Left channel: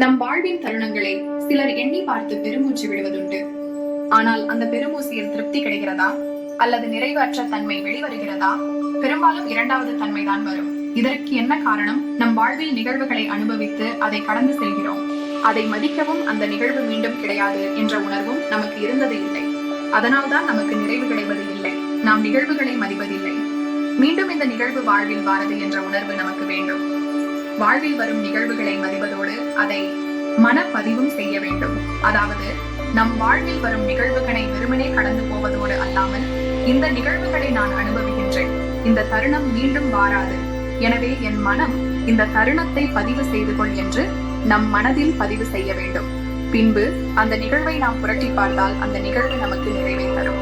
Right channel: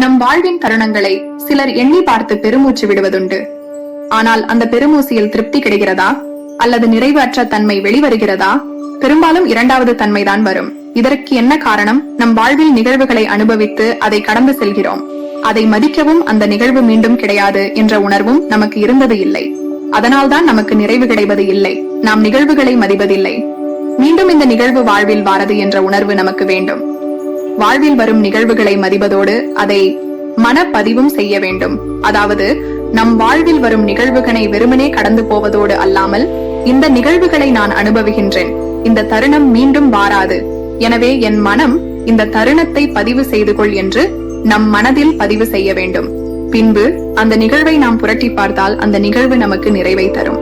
நம் வாழ்வின் தருணங்களை சிலர் எண்ணி பார்த்து பெருமூச்சு விடுவதுண்டு. ஆனால் அந்த பெருமூசியில் திருப்தி கிடைக்கிறதா அல்லது நிறைவற்ற தன்மை வெளிவருகிறதா? பெரும்பாலும் இரண்டாவது தன்மைதான் வரும். இதற்கு என்ன காரணம்? நம் வாழ்வில் நிகழ்வுகளை அனுபவித்து அதை கடந்து செல்கிறோம். அதை மதிக்கவும் அந்த நிகழ்வு மீண்டும் கிடையாது என்ற உணர்வும் நமக்கு இருந்தது இல்லை. அதனால்தான் நமக்கு நிறைவு கிடைவது இல்லை. நாம் நிகழ்வுகளை மதிப்பதில்லை. மீண்டும் இந்த நிகழ்வு வாழ்வில் வாரது என்ற உணர்வு நமக்கு வேண்டும். வாழ்வில் வரும் நிகழ்வுகளை மதிப்பதோடு அதை மனப்பதிவும் செய்ய வேண்டும். அதாவது நம் வாழ்வில் வரும் நிகழ்வுகளை வெறுமனே கடந்து போவதோடு அல்லாமல், இந்த நிகழ்வுகளை நான் அனுபவிக்கின்றேன், இந்த தருணம் மீண்டும் வாராது, எனவே என் மனம் இந்த தருணத்தை பதிவு செய்து கொள் என்று நம் மனதில் பதிவு செய்ய வேண்டும். பின்பு அந்த நிகழ்வை நாம் புரட்டி பார்த்தால் அந்த நிகழ்வு நமக்கு நிறைவை தரும்.